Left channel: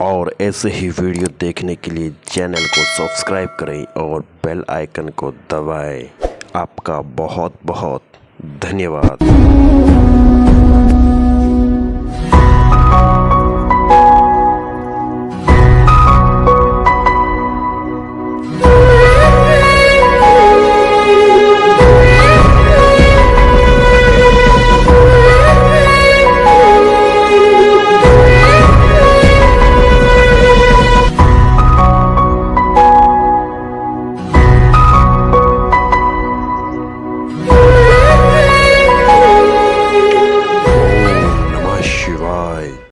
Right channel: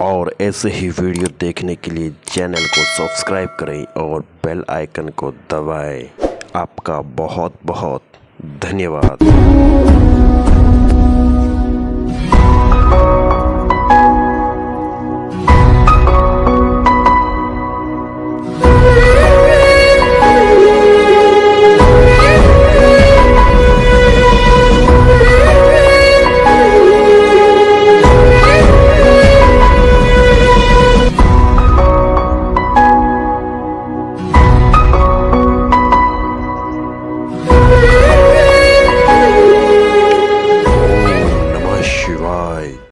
और ऐसे ही वीडियो देखने के लिए चैनल को सब्सक्राइब करें और बेल आइकन को दबाएं। आपका बहुत बहुत धन्यवाद।